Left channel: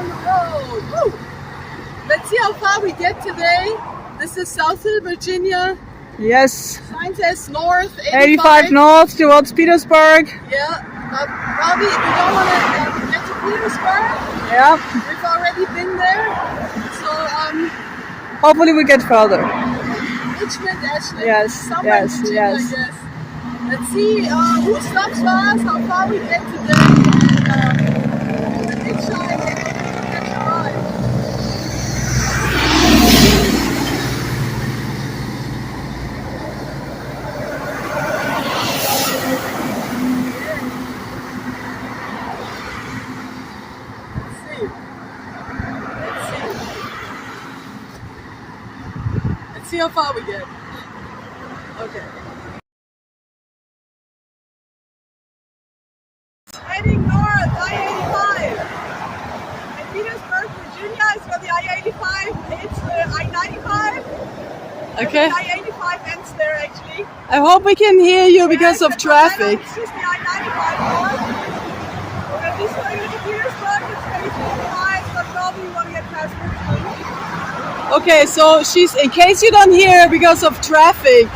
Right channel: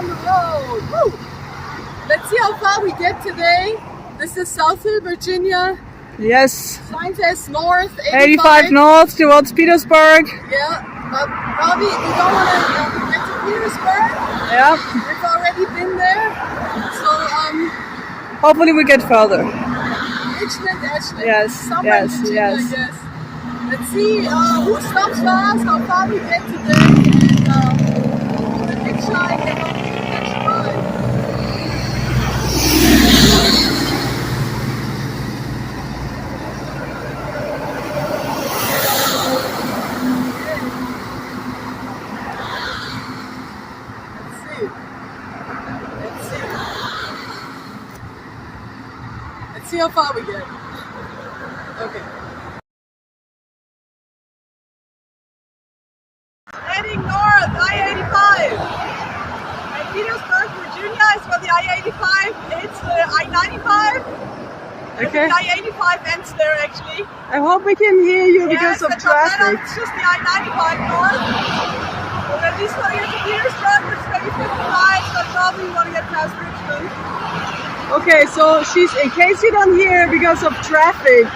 down the road. Woo! Let's see how far we get today. This is South Hill, Virginia. Yes. Sign says north, 85 north towards Petersburg. Yeah, but probably we don't want to get to Petersburg. Yeah. We've already been there. So, hopefully we get further. Ashland. Yes, Somewhere yes, in Virginia, yes. I guess. Let's see who stops for us, how far we get today, and the hitchhike and hopefully we catch a ride. Let's see how far we get. Okay. Heading north, I-85. And Petersburg, Virginia is for the I-85. It's the I-95. Okay. The I-85 ends there actually. I hope we can hear you because of but traffic. It's just the I-95 north. We're at least going to get to Petersburg, which is maybe 55, so probably want to get past Richmond. Okay, so she's, in case you don't hear because of traffic,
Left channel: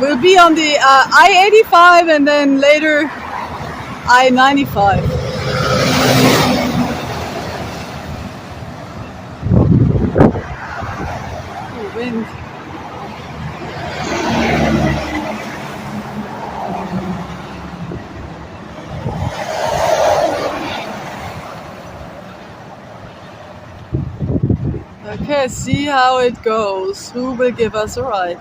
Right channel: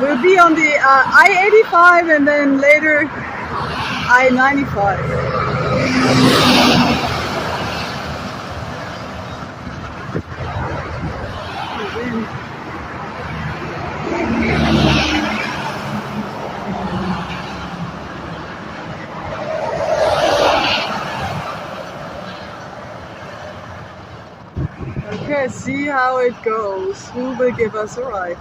we'll be on the I-85 and then later I-95. Oh, wind. Okay, see how it goes. Who will give us a ride?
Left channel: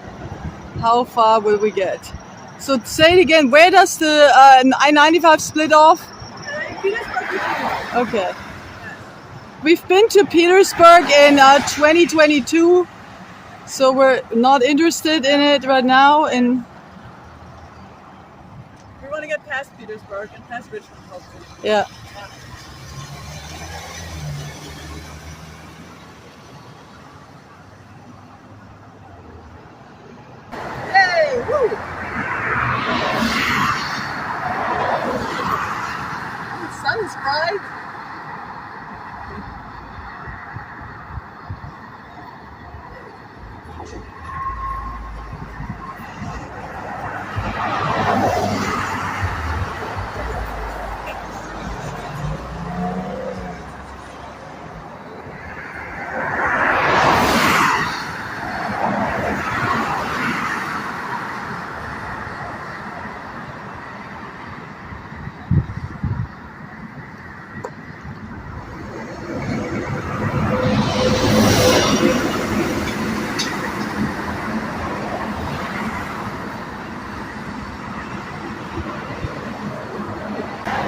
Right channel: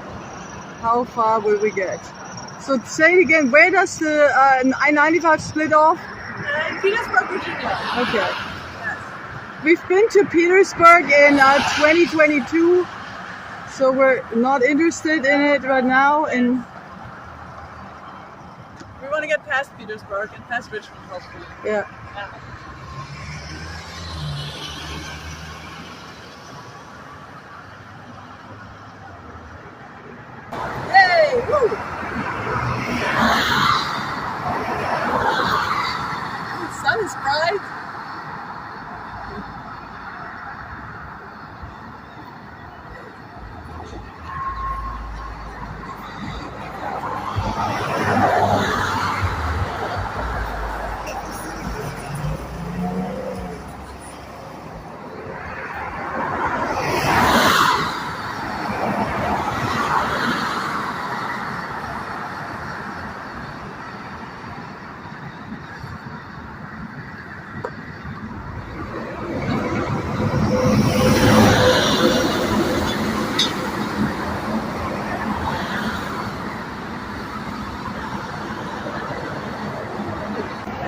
How far will we get? So say it again, where does the I-95 split off? In Petersburg, Virginia. Okay. Yes. We've been to Petersburg in 2022, so we're not interested in it right now. And We want to get past Petersburg and past Richmond, hopefully. yeah. Hey, woo! The sun is bright.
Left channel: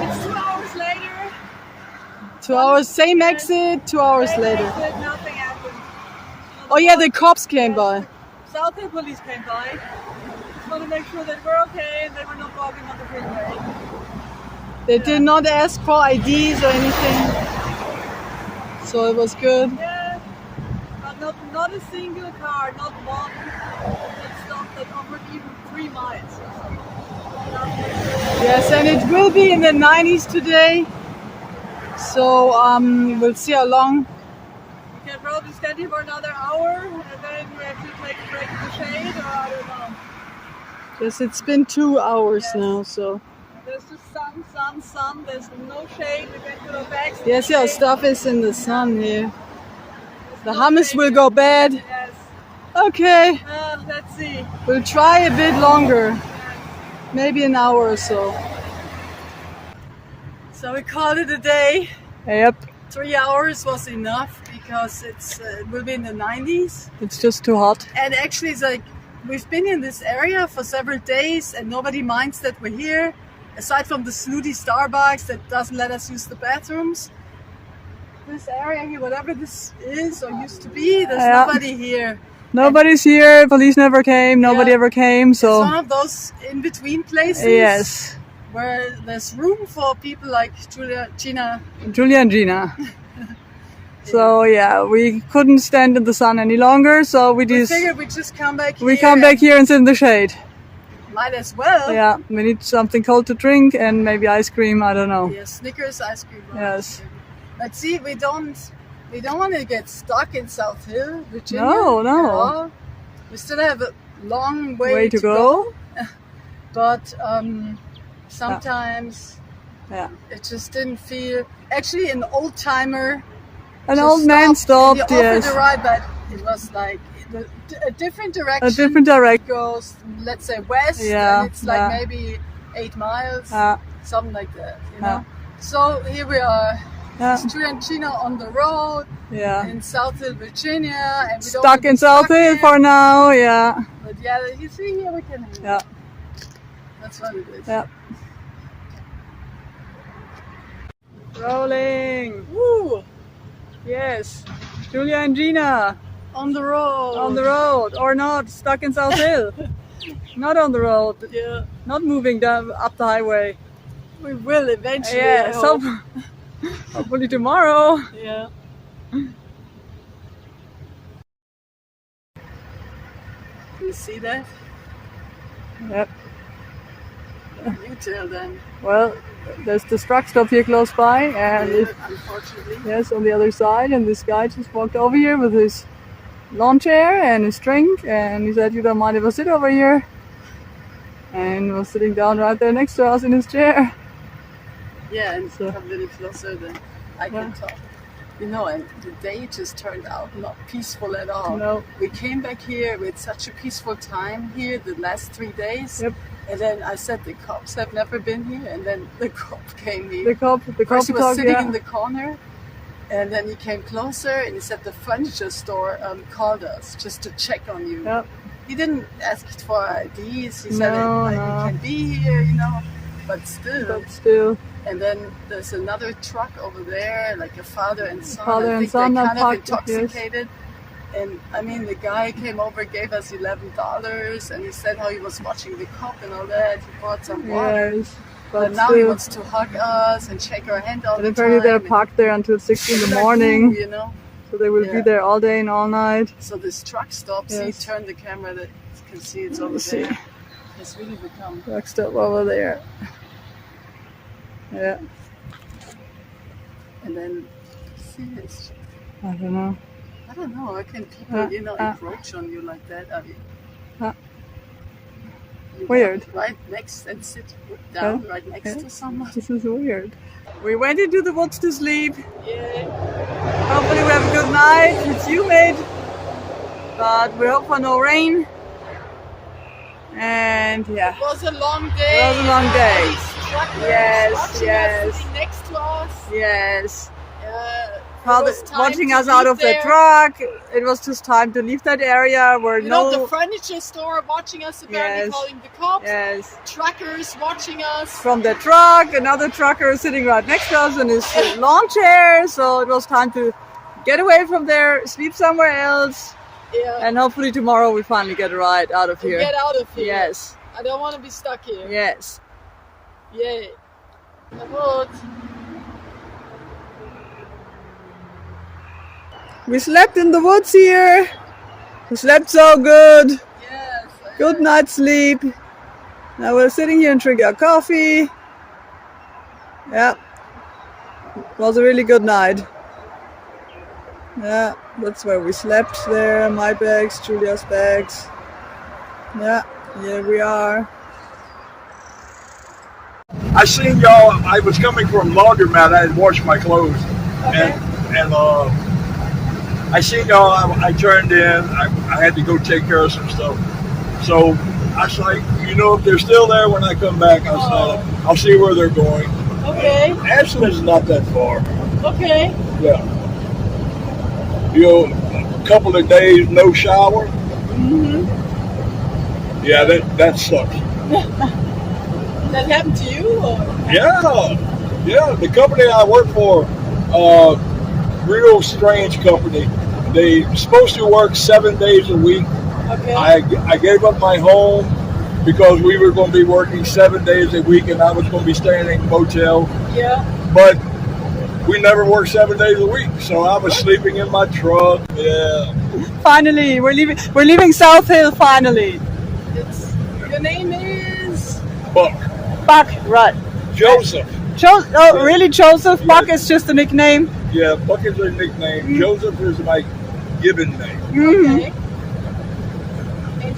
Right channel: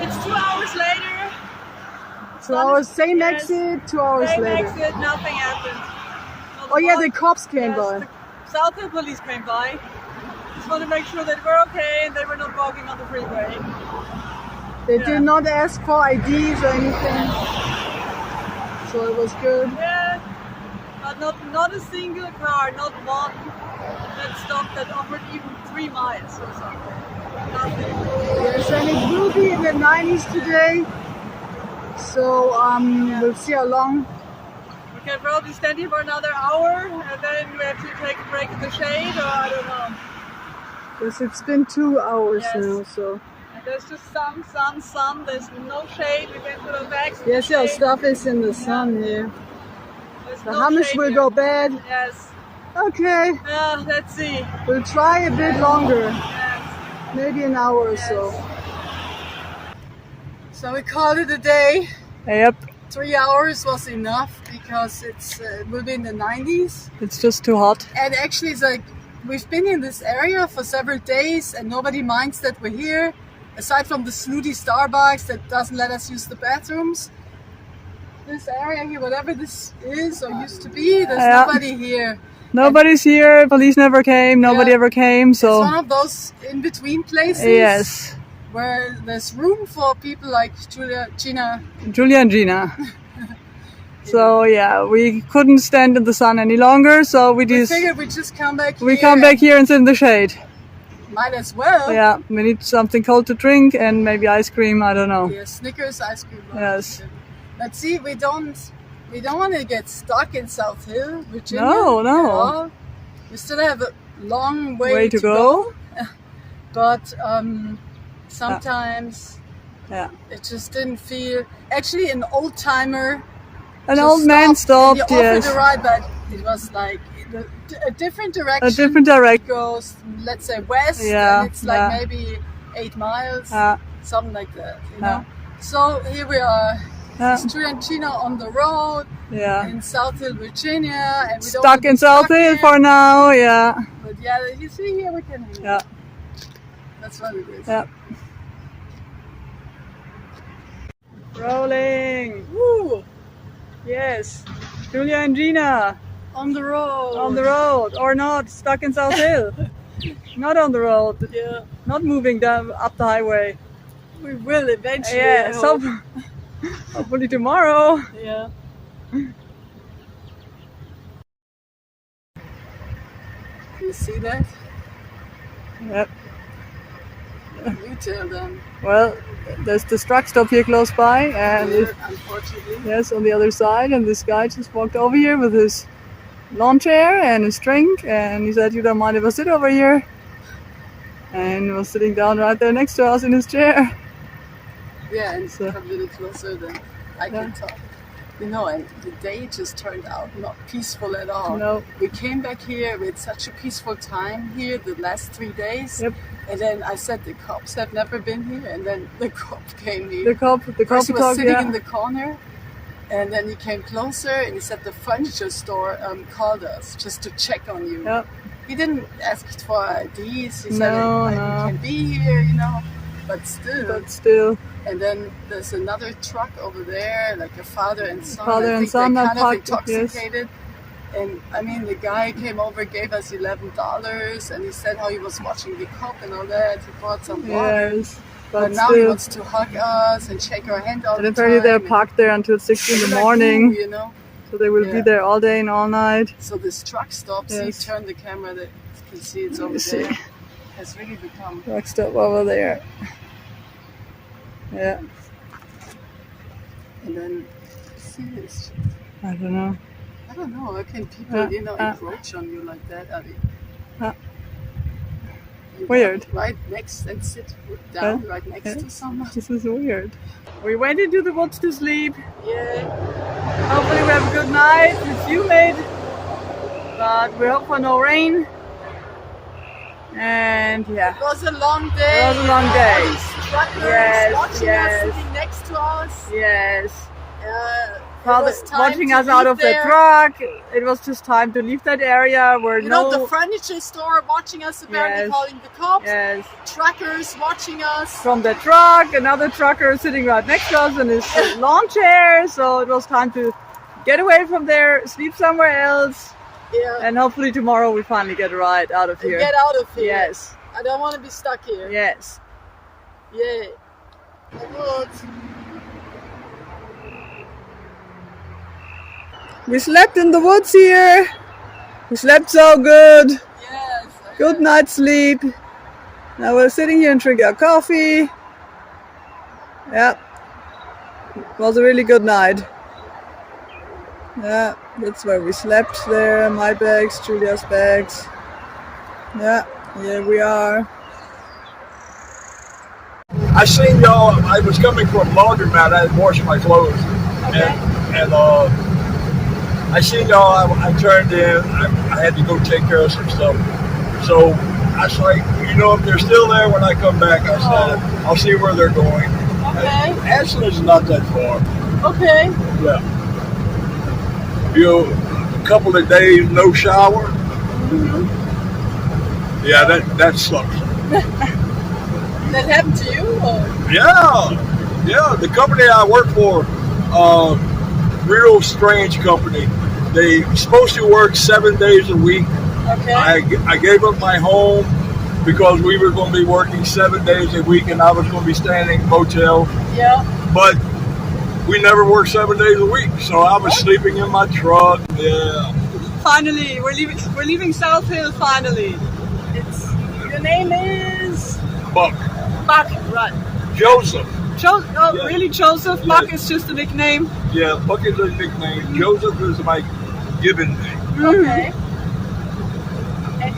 It's 2 hours later. 2 hours, same Yes. exit, 2 hours Same later. exit, nothing happened. Oh yeah, the cops came by. The South Hill police came by. Just want to make sure that we're okay and that we're not walking on the freeway. They did not ask for IDs or anything. So it was good. Yeah, but not a single car, not one that stopped that offered even 3 miles or something. Nothing. Yes, and it will be in the 90s today. So we'll see how long. We can probably stand here for another hour and then we have to take a break in the shade, or I don't know. Yes, it's been 2 hours Yes. now, so. And there's just sun. There's no shade. We can put our bags in Yes, the your shade. stuff is in the sun here. There's The no hummus shade will here. go bad. Yes. Okay, Let's see. we'll try a bit longer. Yes. Maybe an hour or so. So we called it a day. Yep, 3 hours was enough because it will be in the 90s. it's just too hot. And actually it's like we've been in this area for several days and nobody minds that we're here. Aside from the snooty Starbucks that doesn't let us use the bathrooms. This area here, whatever this is or used to be, there's Yeah. nobody here. Nobody's here, police never came, nobody Yeah. ever came, It's one so. of those in-between places Yes, where there's room for people like Gina. Julia and Gina. So yeah, we couldn't stand in the sun any longer, so we We just figured we'd just come back here. we come back here and sit in the shade. Might as well. Yeah, we need something cold to drink and maybe ice cream. I don't know. Yeah, Snickers, ice cream. Yes. But see, we don't want to get stuck in South Hill, Virginia. No. at all. We still have a long way to go. But sometimes it just didn't feel. Actually, an old timer. An old man stopped. He offered a ride, but it was like a different direction. A different direction. Goes, let's say, west. Yeah. And it's like maybe 8 miles, something like that. You know. So here we are. It's Julia and Gina on the road in South Hill, Virginia, and we stuck in South Hill for now. Yeah. But yeah, you see here we can hang out. That's what it is. Yeah. Rolling. Woo! Yes. Julia and Gina. On the road. On the road. Or not. Stuck in South Hill. Not on the road. Yeah. Not moving down up the highway. We will eventually. Yeah. So hopefully tomorrow. Yeah. You see that? Yep. You tell them. Well, there's this truck stop here close by, and unfortunately. Yes, on the other side, and this guy just walked over here with his lawn chair and his drink, and he said, "You don't mind if I sit over here?" And was sitting down right there next to us in his chair. Yeah, and so, a little closer than I can talk. You know, and the day just turned out not peaceful at all. No. We came back here with such a peaceful time here the last 3 days. Yep. And then I said the cops have never been here, and then the cop came here. The cop was sitting in the corner, and then he came closer, and he said the furniture store called us just to check on you. Yep. He didn't ask for IDs. He said no. You can be here, you know, but still. And then there's another truck over there, like a father and son. Father and son are kind of intoxicated. Yes. And I mean, the guy came over, gave us $11, and he said how he was watching the cop and all that. He brought some water. Yes, but now he wants to hug us and shake our hand all the time. And apparently they're parked there until 6 in the morning. You know? So they will be there all day and all night. So this truck stop, see, turn the camera that you can see it's over there. Has really become... Truck stop over there. Yeah. And then, see this. I don't know. I don't know. How can people, encroach on you like that? I mean, weird. Right next and sit down right next to someone. This is weird. We went into the woods to sleep. Yeah. Hopefully we have a good night. It's humid, but we hope for no rain. And it was a long day. It was a long day. Yes. Sitting next to us. Yes. Father watching us out of the truck. It was just time to leave that area where the furniture store watching us, apparently calling the cops. Yes. Truckers watching us. From the truck, another trucker sitting right next to us in his lawn chair. So it was time to get away from there, sleep somewhere else. Yeah. And hopefully tomorrow we finally get a ride out of here. Get out of here. Yes. I don't want to be stuck here. Yes. Yay. The woods. We slept in the woods here. We slept so good. Yes. Good night's sleep. Now we're sitting here and drinking our coffee. Yeah. It was a really good night. Yeah, that's where we slept there. My bags, Julia's bags. Yeah, here we are. I seen y'all. I was coming from laundromat. I had washed my clothes, and I seen y'all. I turned in. I had to go take care of some stuff. So I was like, if they're still there when I come back, I said I'll see where they're going. Okay. Ashland's not that far. Okay. Yeah. A couple of days no shower. Mm-hmm. Yeah, that sucks. That happened to you? Or? Yeah. The company I work for, real strange company. They supposed to work 7 days a week. Okay. I gave up my home because we were going to be working 7 days a week, and I was going to be staying in motel. Yeah. But we never worked 7 days a week, so I was sleeping in my truck. Yeah. Finally, we're leaving South Hill. Finally. It's Your name is Buck. Buck, right. Joseph. Oh, really, Joseph? Yes. Buck is just a nickname? Yeah, Buck is a nickname. Joseph is my given name. okay. And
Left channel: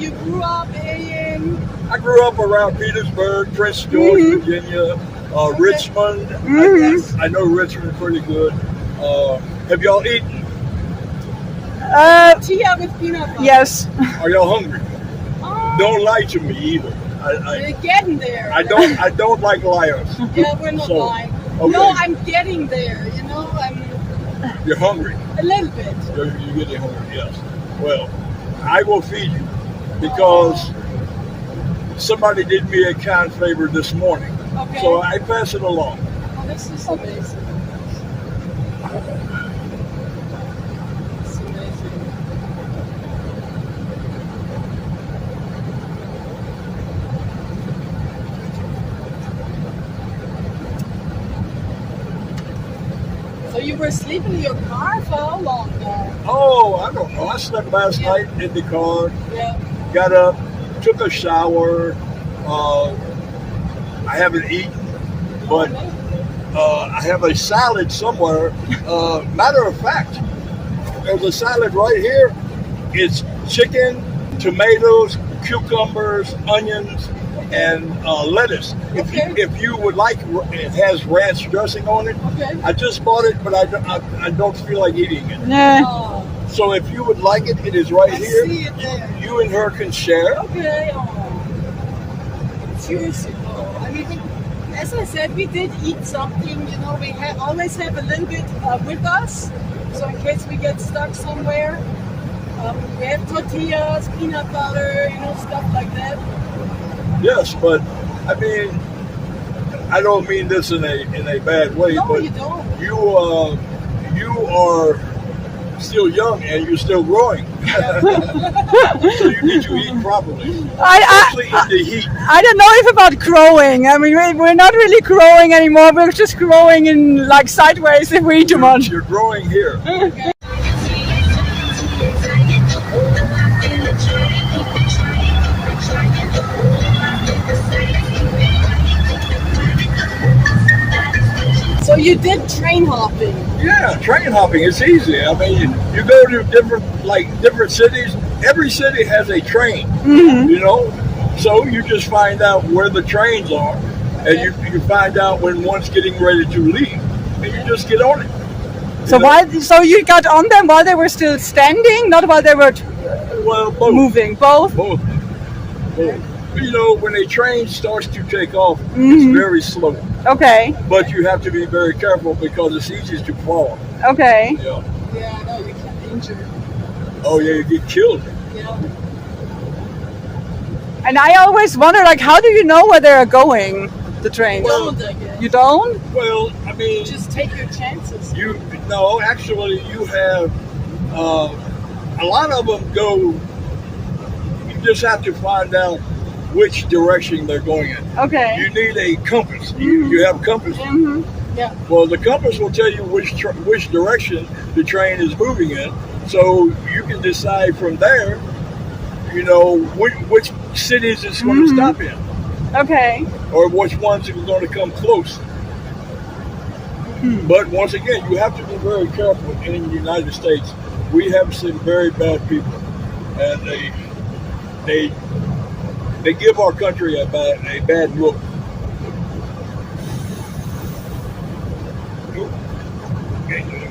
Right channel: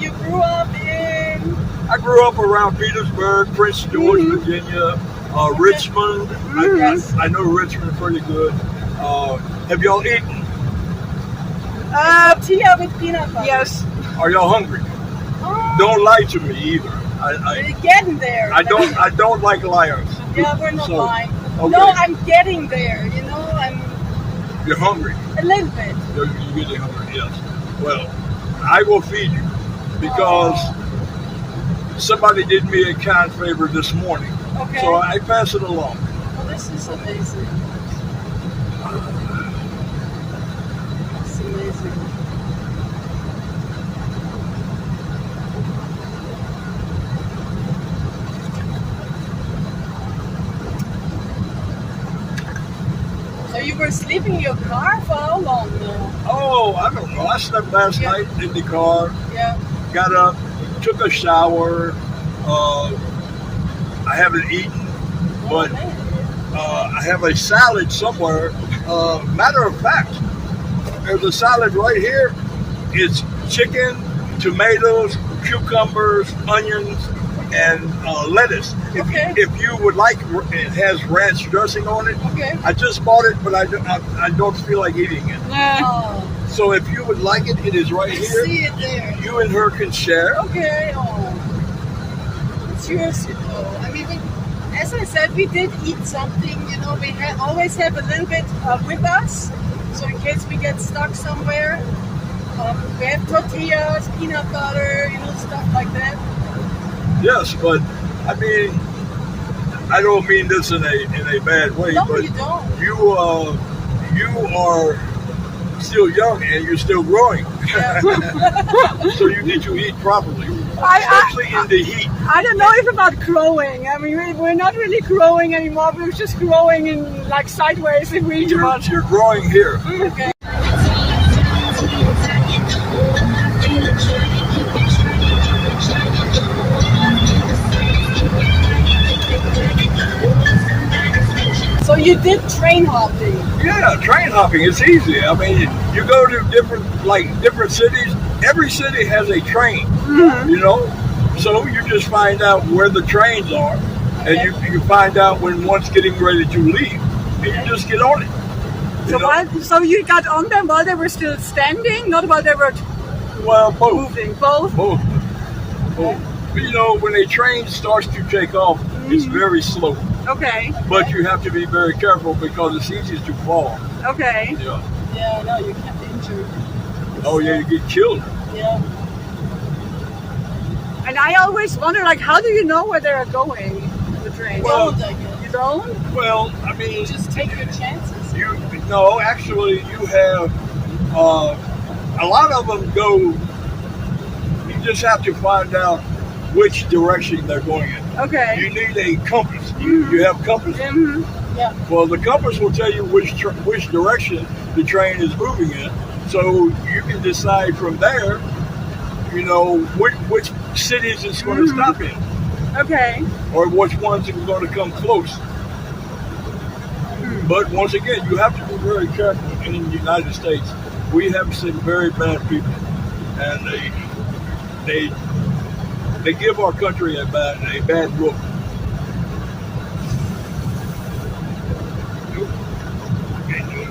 you grew up in I grew up around Petersburg, Prince George, Virginia, Richmond. I know Richmond pretty good. Have y'all eaten? tortilla with peanut butter. Yes. Are y'all hungry? Oh, Don't lie to me either. we're getting there. I don't like liars. Yeah, we're not So, lying. okay. No, I'm getting there. You know, I'm You're hungry. a little bit. You're getting hungry, yes. Well, I will feed you because somebody did me a kind favor this morning. Okay. So I pass it along. Oh, this is amazing. It's amazing. So you were sleeping in your car for how long now? Oh, I don't know. I slept last night in the car, Yeah. got up, took a shower. I haven't eaten, but I have a salad somewhere. Matter of fact, there's a salad right here. It's chicken, tomatoes, cucumbers, onions, and lettuce. Okay. If you would like, it has ranch dressing on it. Okay. I just bought it, but I don't feel like eating it. Nah. Oh, So if you would like it, it is right I here. see it there. You and her can share. Okay. Oh, it's yours. Oh, I mean, as I said, we did eat something. You know, we always have a little bit with us, so in case we get stuck somewhere. We have tortillas, peanut butter, you know, stuff like that. Yes, but I mean, I don't mean this in a bad way, No, but you don't. you are still young and you're still growing, so you need to eat properly, especially in the heat. I don't know if about growing. I mean, we're not really growing anymore. We're just growing in like sideways if we eat too much. You're growing here. Okay. So you did train hopping. Yeah, train hopping. It's easy. I mean, you go to different cities. Every city has a train. You know, so you just find out where the trains are, and you find out when one's getting ready to leave, and you just get on it. So you got on them while they were still standing, not while they were Well, both. moving. Both. Both. You know, when a train starts to take off, it's very slow. Okay. But you have to be very careful because it's easy to fall. Okay. Yeah. Yeah, no, you can injure. Oh yeah, you get killed. Yeah. And I always wonder, like, how do you know where they're going? The train. Well, Don't, I guess. You don't? Well, I mean, Just take your chances. actually, you have a lot of them go. You just have to find out which direction they're going in. Okay. You need a compass. You have a compass. Yeah. Well, the compass will tell you which direction the train is moving in, so you can decide from there, you know, which cities it's going to stop in, Okay. or which ones are going to come close. But once again, you have to be very careful in the United States. We have some very bad people, and they give our country a bad look. Nope. Can't do it.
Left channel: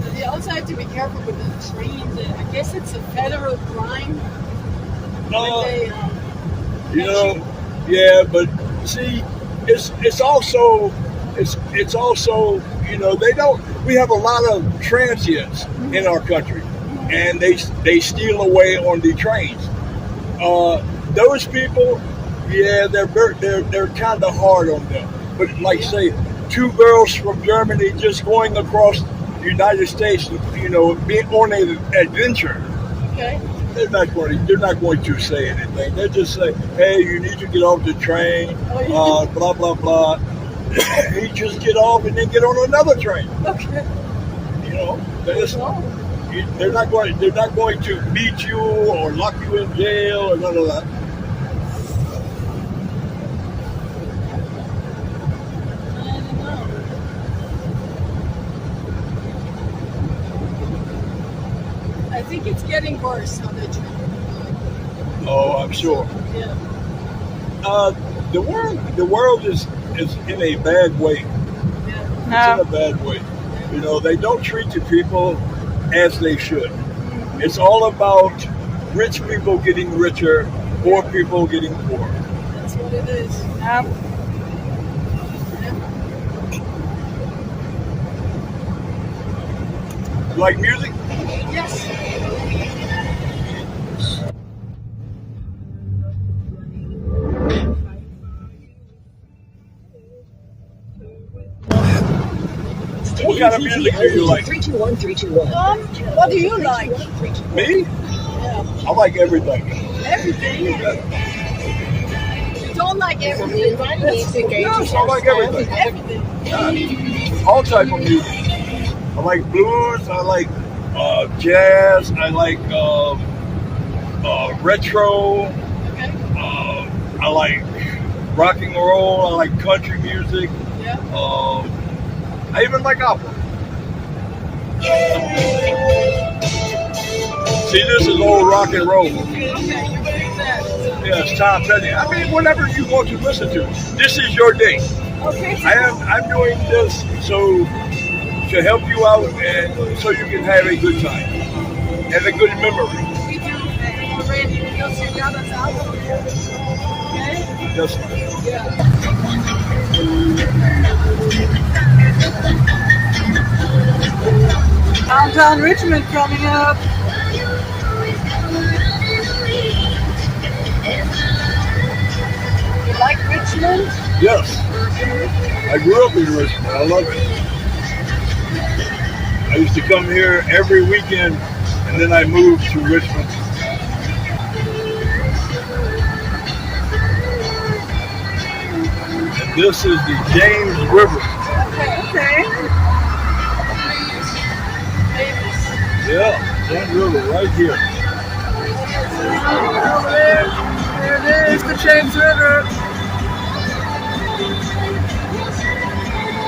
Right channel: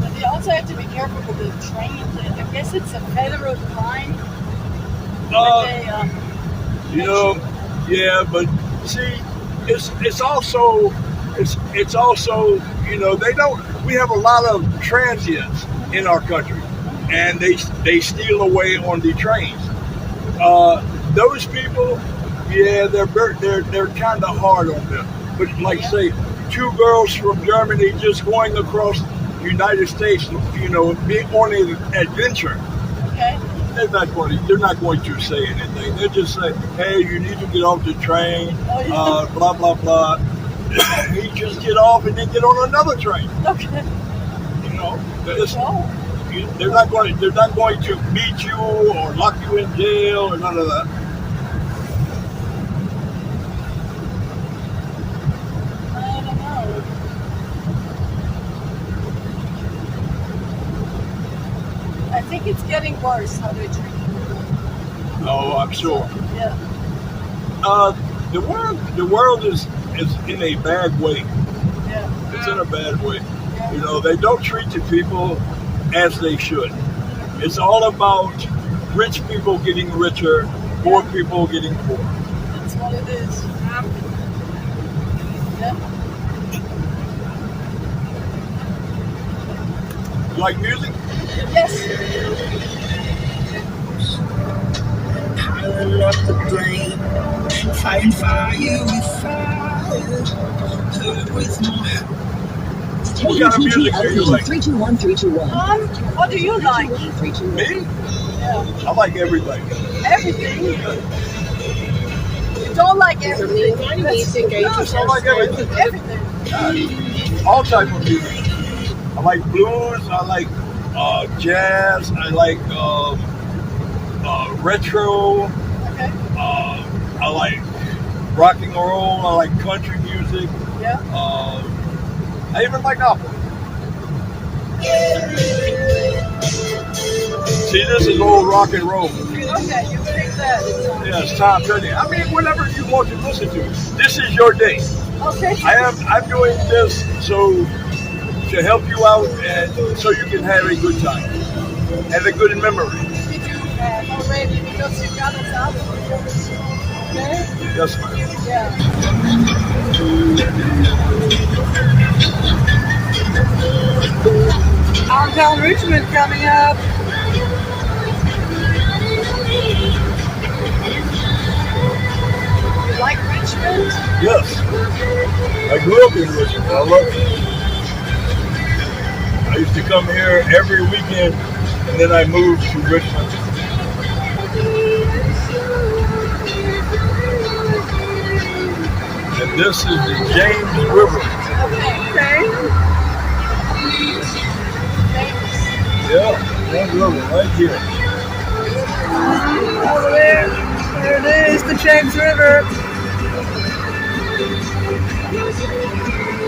But you also have to be careful with the train. I guess it's a federal crime. They, You know, yeah, but see, it's also you know, we have a lot of transients in our country, and they steal away on the trains. Those people, yeah, they're kind of hard on them. But like say, two girls from Germany just going across the United States, you know, being on an adventure. okay. They're not going to say anything. They just say, "Hey, you need to get off the train." Blah blah blah. He just get off and then get on another train. Okay. You know, they're not going to beat you or lock you in jail or none of that. I don't know. I think it's getting worse how they treat people. Oh, I'm sure. Yeah. The world is in a bad way. Yeah. It's in a bad way. You know, they don't treat the people as they should. It's all about rich people getting richer, poor people getting poor. That's what it is. Yeah. Yeah. You like music? Yes. Piling up the blame, fighting fire with fire, hurt with more. What kind of music do you like? 321321. What do you like? Me? Yeah. I like everything. Everything. You don't like everything. Yes, I like everything. Everything. Yeah. All type of music. I like blues. I like jazz. I like retro. Okay. I like rock and roll. I like country music. Yeah. I even like opera. See, this is old rock and roll. Okay, you believe that. Yes, Tom Petty. I mean, whatever you want to listen to. This is your day. Okay. I'm doing this so to help you out and so you can have a good time and a good memory. We do already because you got us out of here. Okay? Yes, ma'am. Yeah. Downtown Richmond coming up. You like Richmond? Yes. I grew up in Richmond. I love it. I used to come here every weekend and then I moved to Richmond. And this is the James River. Okay. Okay. Yeah, James River right here. Over there. There it is, the James River.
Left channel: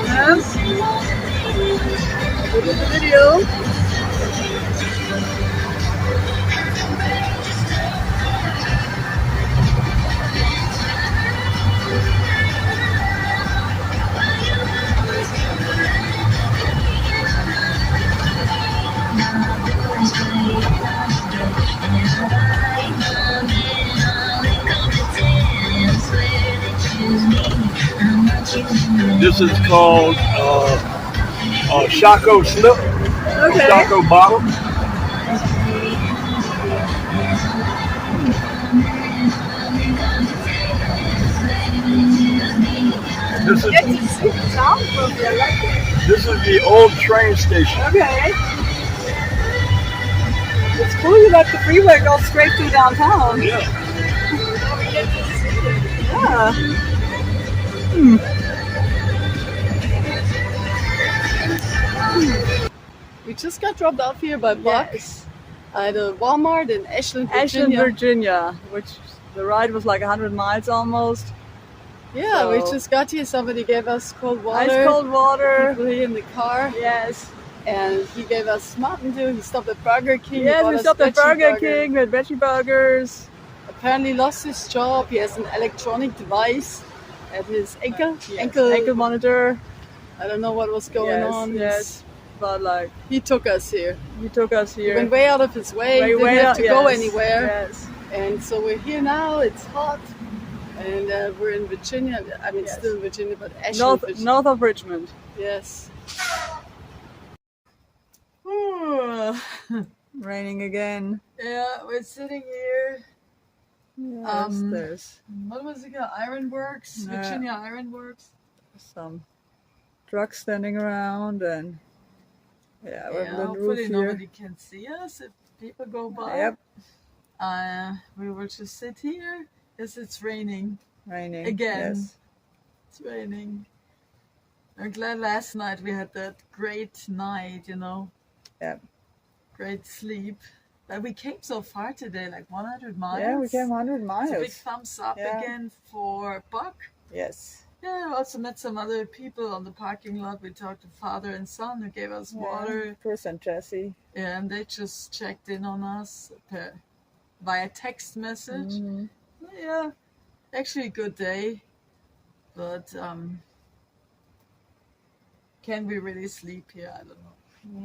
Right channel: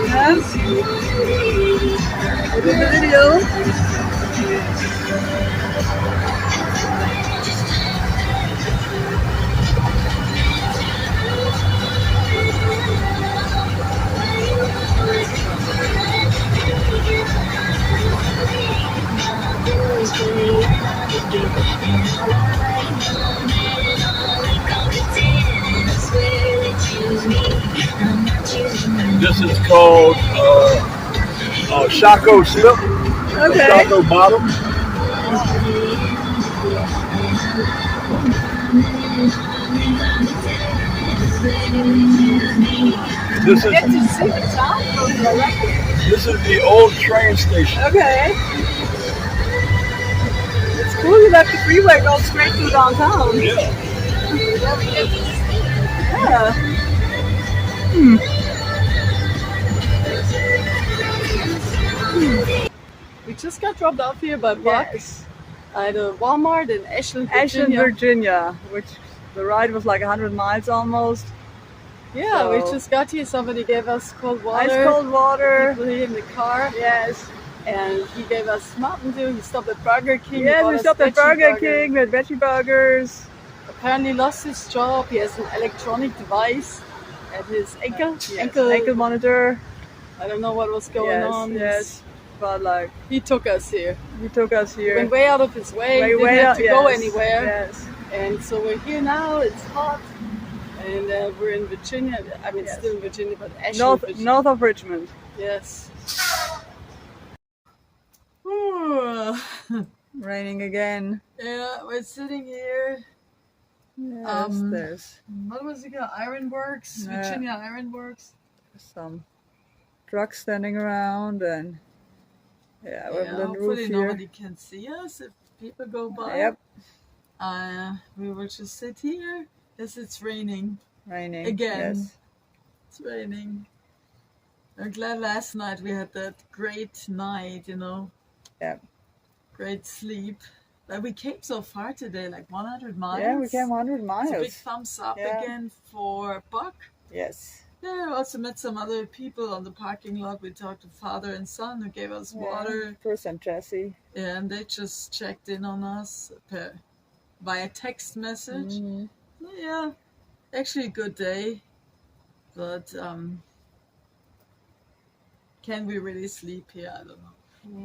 Yes. We did the video. This is called Shaco Slip, Okay. Shaco Bottom. This Get is to see the town from here. I like it. this is the old train station. Okay. It's cool you left the freeway go straight through downtown. Yeah. Yeah, we get to see it. Yeah. We just got dropped off here by Buck Yes. at a Walmart in Ashland, Virginia. Ashland, Virginia, which the ride was like 100 miles almost. Yeah, So- we just got here. Somebody gave us cold water. Ice cold water. People here in the car, Yes. and he gave us Mountain Dew. He stopped at Burger King. Yes, bought we us stopped at veggie Burger burger. King with veggie burgers. Apparently lost his job. He has an electronic device at his ankle. Yes. Ankle monitor. I don't know what was going Yes, on. yes. But like, He took us here. he took us He here. went way out of his way. Way, Didn't way have out- to go yes, anywhere. Yes. And so we're here now. It's hot. And we're in Virginia. I mean, Yes. still in Virginia, but Ashland, North, Virginia. north of Richmond. Yes. Raining again. Yeah, we're sitting here. Yes, there's What was it called? Ironworks? Yeah. Virginia Ironworks? some trucks standing around and yeah, we have a little hopefully roof here. nobody can see us if people go by. Yep, We will just sit here. Yes, it's raining. raining. Again. Yes. It's raining. I'm glad last night we had that great night, you know. Yep. great sleep. But we came so far today, like 100 miles. Yeah, we came 100 miles. It's a big thumbs up again for Buck. Yes. Yeah, I also met some other people on the parking lot. We talked to father and son who gave us water. Chris and Jesse. Yeah, and they just checked in on us via text message. Mm-hmm. Yeah, actually a good day. But can we really sleep here? I don't know.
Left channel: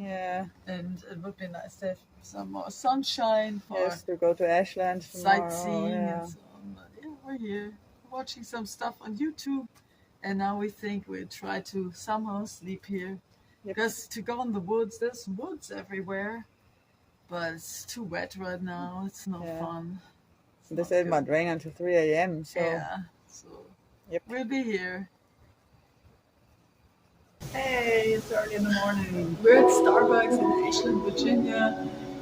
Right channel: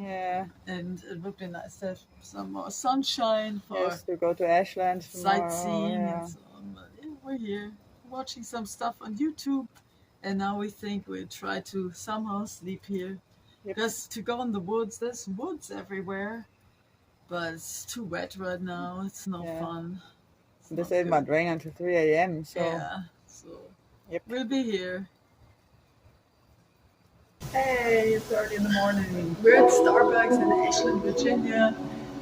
Yeah. And it would be nice to have some more sunshine for to go to Ashland tomorrow. sightseeing and so on. But yeah, we're here watching some stuff on YouTube. And now we think we'll try to somehow sleep here. Because to go in the woods, there's woods everywhere. But it's too wet right now. It's no fun. They said it might rain until 3 a.m. So so we'll be here. Hey, it's early in the morning. We're at Starbucks in Ashland, Virginia,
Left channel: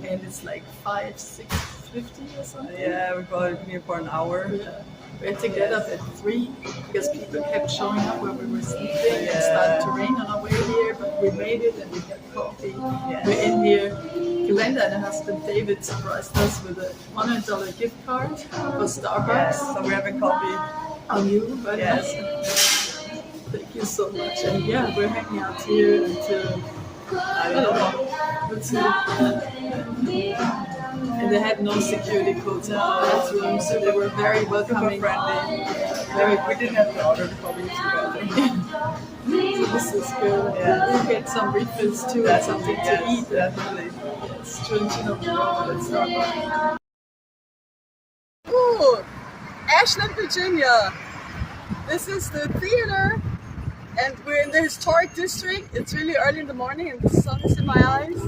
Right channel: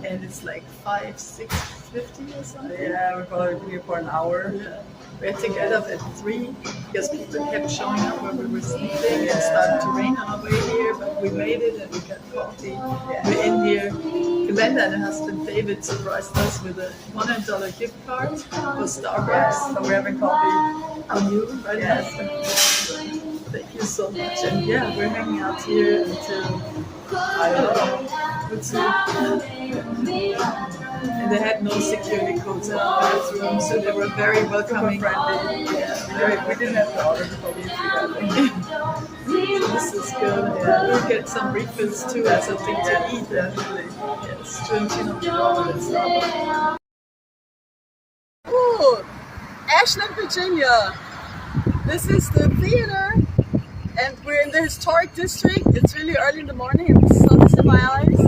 and it's like 6:50 or something. Yeah, we've probably been here for an hour. Yeah. We had to get up at 3 because people kept showing up when we were sleeping. It started to rain on our way here, but we made it and we got coffee. We're in here. Glenda and her husband David surprised us with a $100 gift card for Starbucks. So we're having coffee. On you, right? Yes. Thank you so much. And yeah, we're hanging out here until, I don't know, let's see. And they had no security codes in our bathroom, so they were very welcoming. Super friendly. Yeah, we didn't have to order before we used the bathroom. So this is good. Yeah. We'll get some refills too and something to eat. Definitely. Yes, drinking on the road at Starbucks. Ooh, Ashland, Virginia. This is the theater, and we're in the historic district. It's really early in the morning, and the sun is in my eyes.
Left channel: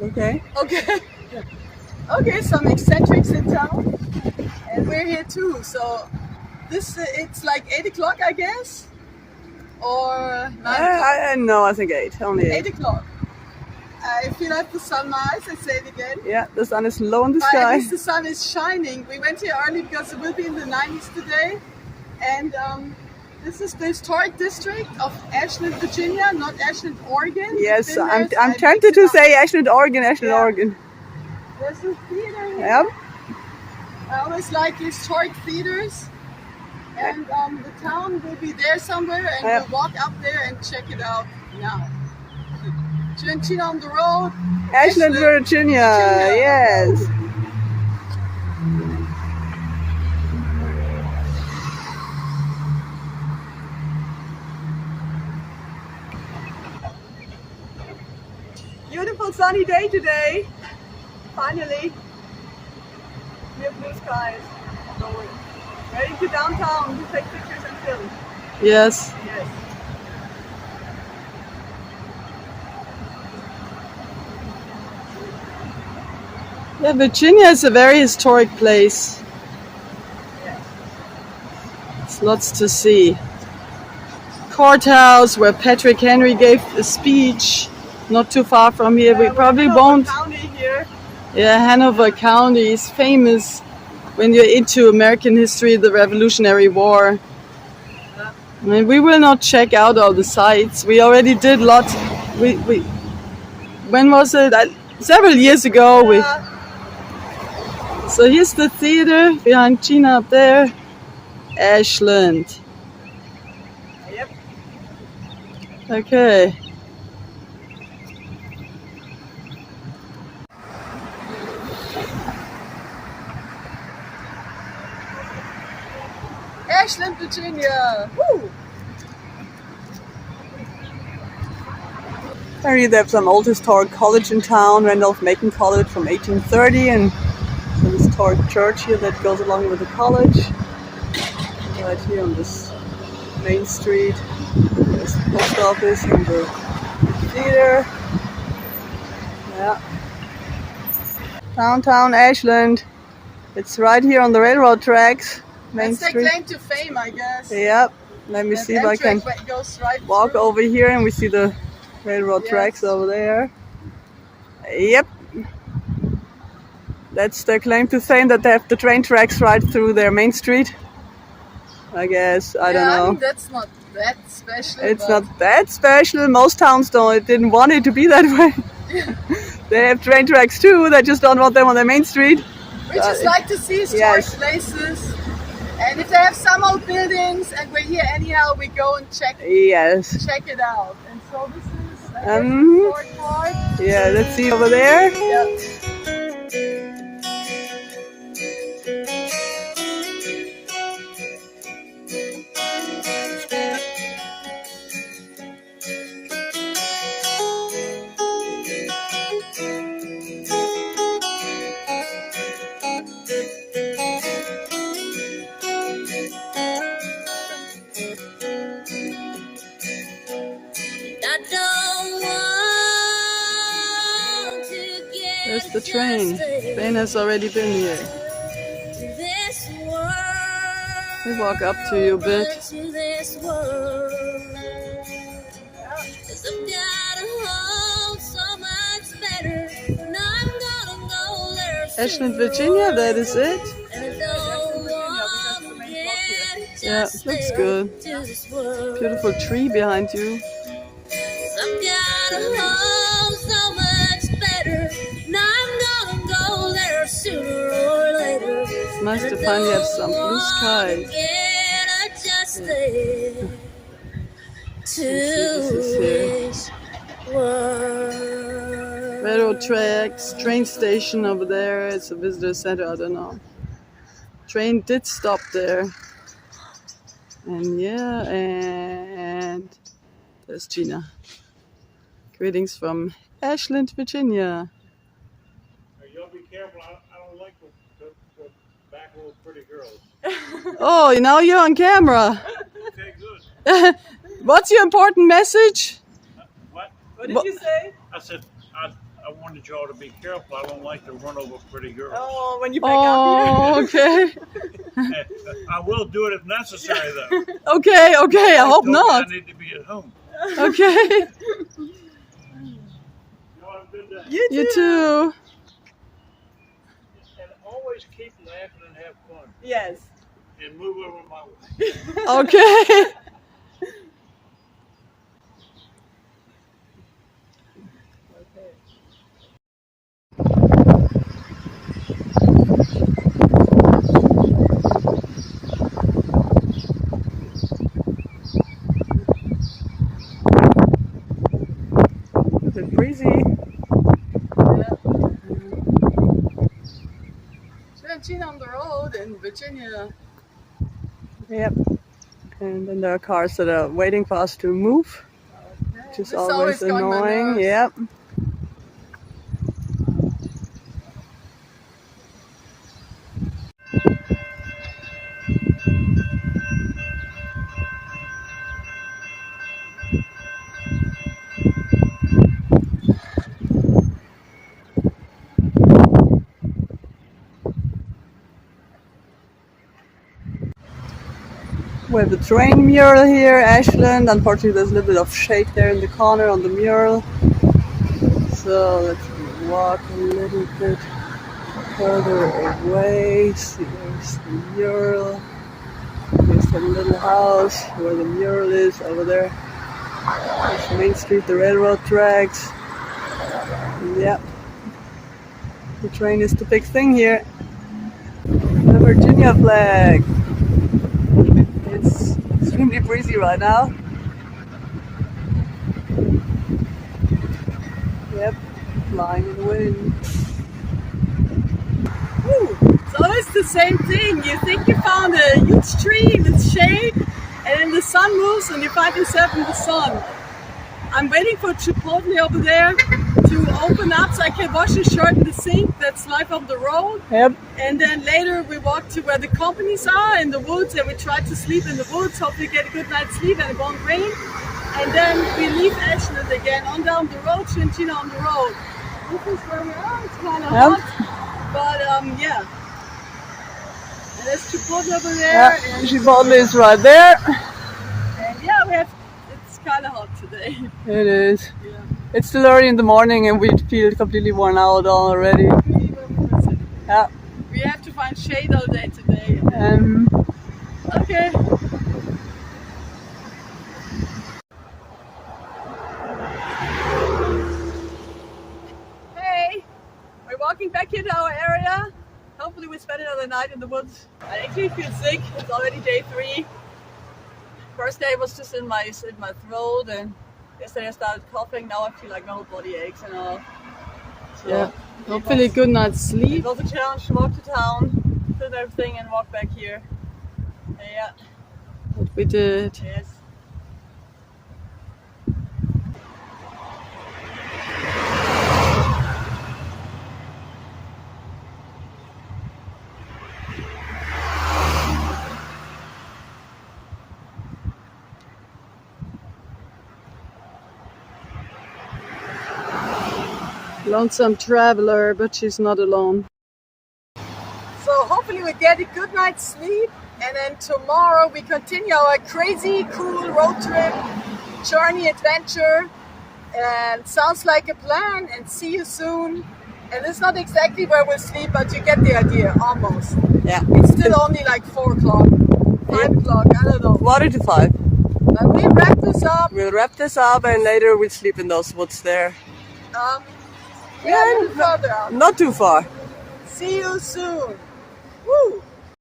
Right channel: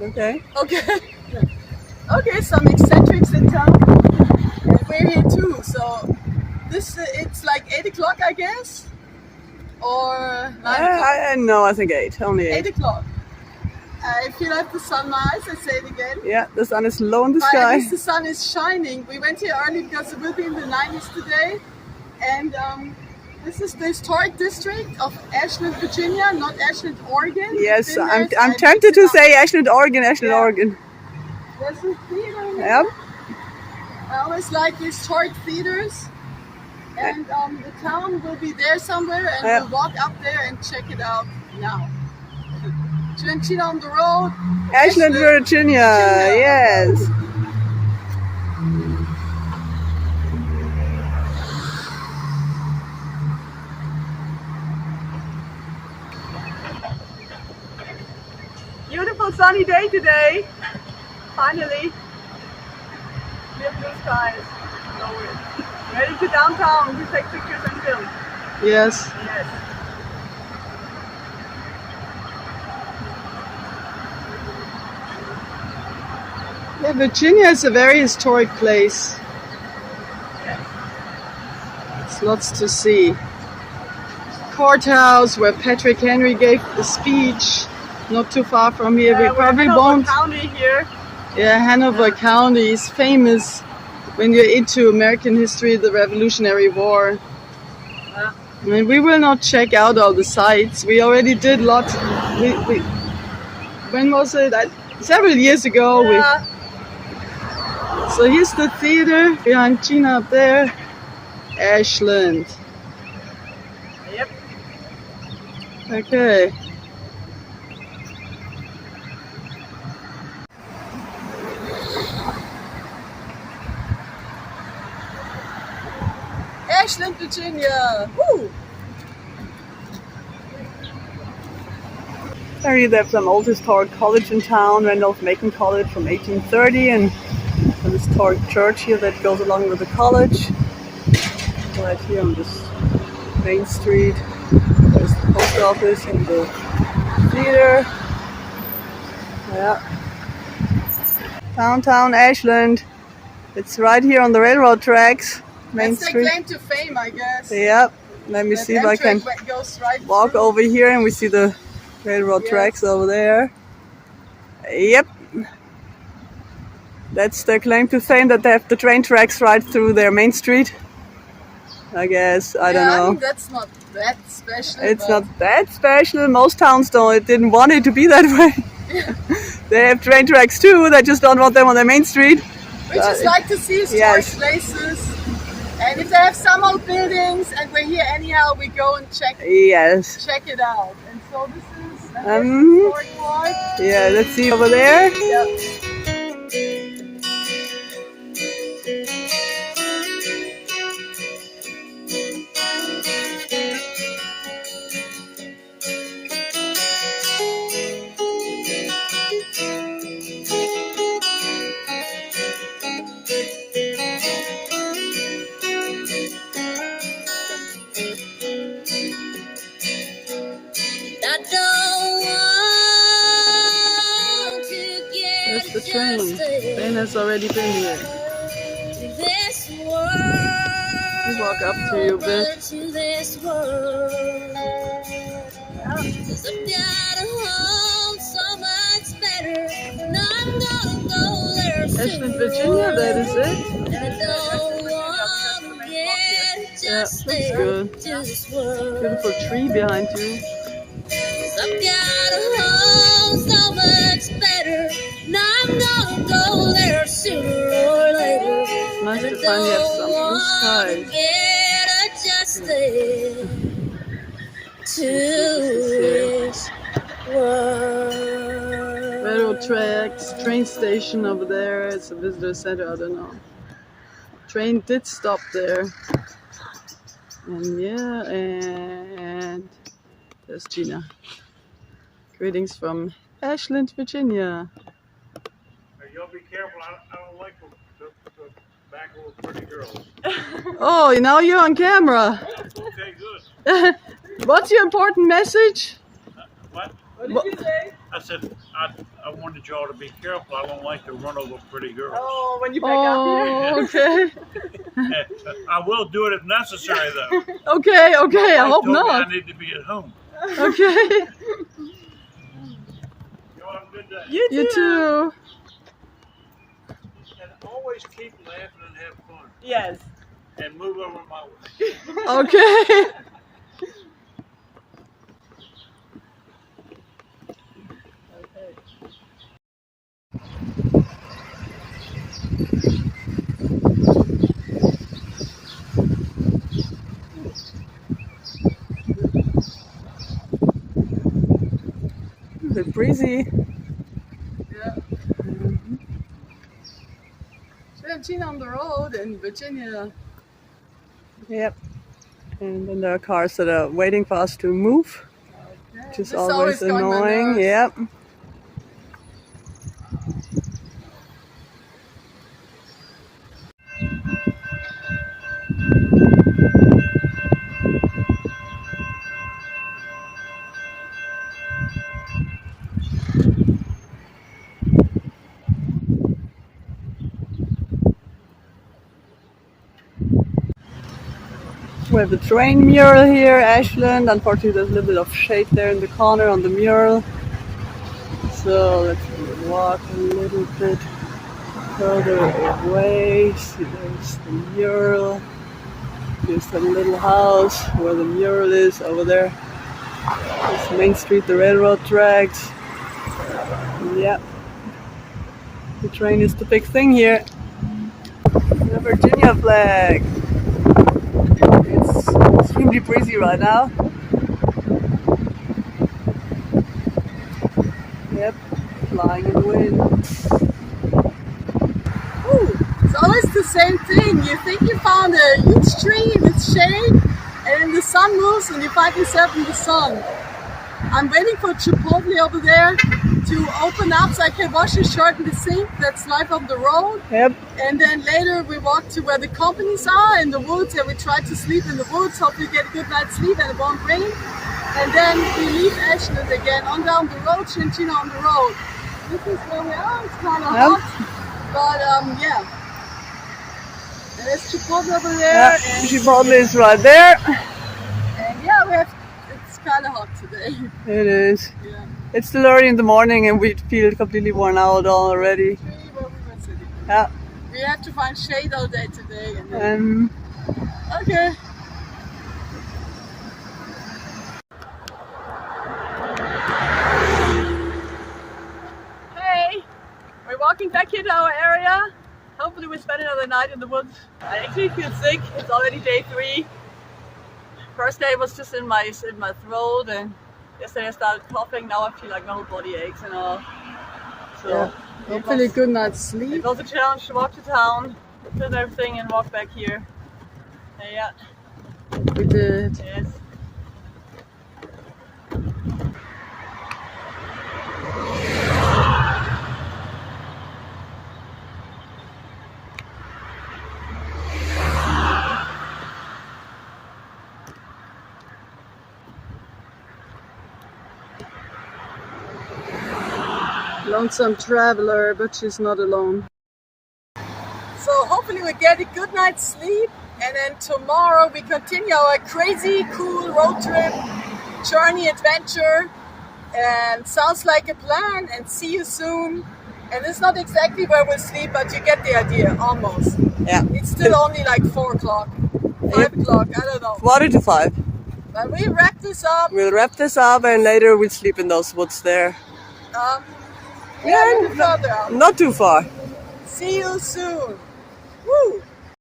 Okay. Okay, some eccentrics in town, and we're here too. So this it's like 8 o'clock, I guess, or 9 o'clock. No, I think 8. Only 8. 8 o'clock. I feel like the sunrise. I say it again. Yeah, the sun is low in the But sky. at least the sun is shining. We went here early because it will be in the 90s today, and this is the historic district of Ashland, Virginia, not Ashland, Oregon. Yes, I'm tempted to say Ashland, Oregon, Oregon. There's a theater here. Yep. I always like historic theaters. And the town will be there somewhere, and we'll walk up there and check it out now. Trentina on the road. Ashland, Virginia. Yes. Beautiful sunny day today. Finally. We have blue skies. So we're ready to downtown to take pictures and film. Yes. Yes. Yeah, Virginia is a very historic place. There's lots to see. Courthouse where Patrick Henry gave a speech. Not too far from here. We probably won't. County here. Yeah, Hanover County is famous when you're into American history, the Revolutionary War. I mean, we will not check out all the sites. We already did lots. When was it? Several years ago. Yeah. So here's the theater behind Gina up there. Ashland. Yep. Okay. Ashland, Virginia. Woo! Apparently they have some old historic college in town, Randolph-Macon College from 1830, and some historic church here that goes along with the college. Right here on this main street, there's the post office and the theater. Yeah. Downtown Ashland. It's right here on the railroad tracks, main That's street. their claim to fame, I guess. Yep. Let me see if I can Goes right walk through. over here and we see the railroad tracks over there. Yep. That's their claim to fame, that they have the train tracks right through their main street. I guess, I don't know. I think that's not that special. It's but not that special. Most towns don't. It didn't want it to be that way. They have train tracks too. They just don't want them on their main street. We just like to see historic places. And if they have some old buildings and we're here anyhow, we go and check it out. And so this is an historic part. Yeah, let's see over there. Yeah. There's the train. The train has already been here. We walk up to you a bit. Ashland, Virginia, that is it. Yeah, looks good. Beautiful tree behind you. I've got a home so much better, and I'm gonna go there sooner or later. It's nice to finally have some blue skies. Get adjusted to this world. Railroad tracks, train station over there. It's a visitor center, I don't know. Train did stop there. And yeah, and there's Gina. Greetings from Ashland, Virginia. Hey, y'all be careful. I don't like the back little pretty girls. Oh, now you're on camera. Okay, good. What's your important message? What? What did you say? I said I wanted y'all to be careful. I don't like to run over pretty girls. Oh, when you back up here. Oh, okay. I will do it if necessary, though. Okay, I hope told me not. I need to be at home. Okay. Y'all have a good day. You too. And always keep laughing and have fun. Yes. And move over my way. Okay. A bit breezy. Yeah. So we have Gina on the road in Virginia. Yep. And then there are cars that are waiting for us to move, which is This always got my annoying. nerves. Yep. We have the train mural here, Ashland. Unfortunately, there's a little bit of shade there in the corner on the mural. So let's walk a little bit further away. See, there's the mural. Here's the little house where the mural is over there. There's Main Street, the railroad tracks. Yep. The train is the big thing here. The Virginia flag. It's extremely breezy right now. Yep, flying in the wind. Ooh, it's always the same thing. You think you found a huge tree in its shade, and then the sun moves and you find yourself in the sun. I'm waiting for Chipotle over there to open up so I can wash the shirt in the sink. That's life on the road. Yep. And then later we walk to where the companies are in the woods, and we try to sleep in the woods, hopefully get a good night's sleep and it won't rain. And then we leave Ashland again on down the road, Gina on the road. This is where we are. It's kind of hot, but yeah. And there's Chipotle over there. Yeah, and Chipotle is right there. And yeah, we have. It's kind of hot today. It is. Yeah. It's still early in the morning and we feel completely worn out already. Really where we were sitting. Yeah. We have to find shade all day today. And then, okay. back here to our area. Hopefully we spend another night in the woods. I actually feel sick. It's already day 3. First day was just in my throat, and yesterday I started coughing. Now I feel like my whole body aches and all. So Yeah. Hopefully good night's sleep. it was a challenge to walk to town, film everything, and walk back here. Yeah. We did. Yes. Lonesome traveler, but she's not alone. So hopefully we get a good night's sleep, and then tomorrow we continue our crazy cool road trip, journey, adventure, and sounds like a plan, and see you soon. And it's not exactly where we'll sleep, but you get the idea, almost. Yeah. It's still only like 4 o'clock, 5 o'clock, I don't know. 4:45. But we wrap this up. We'll wrap this up and later we'll sleep in those woods there. Yeah, a little further out. Not too far. See you soon. Woo!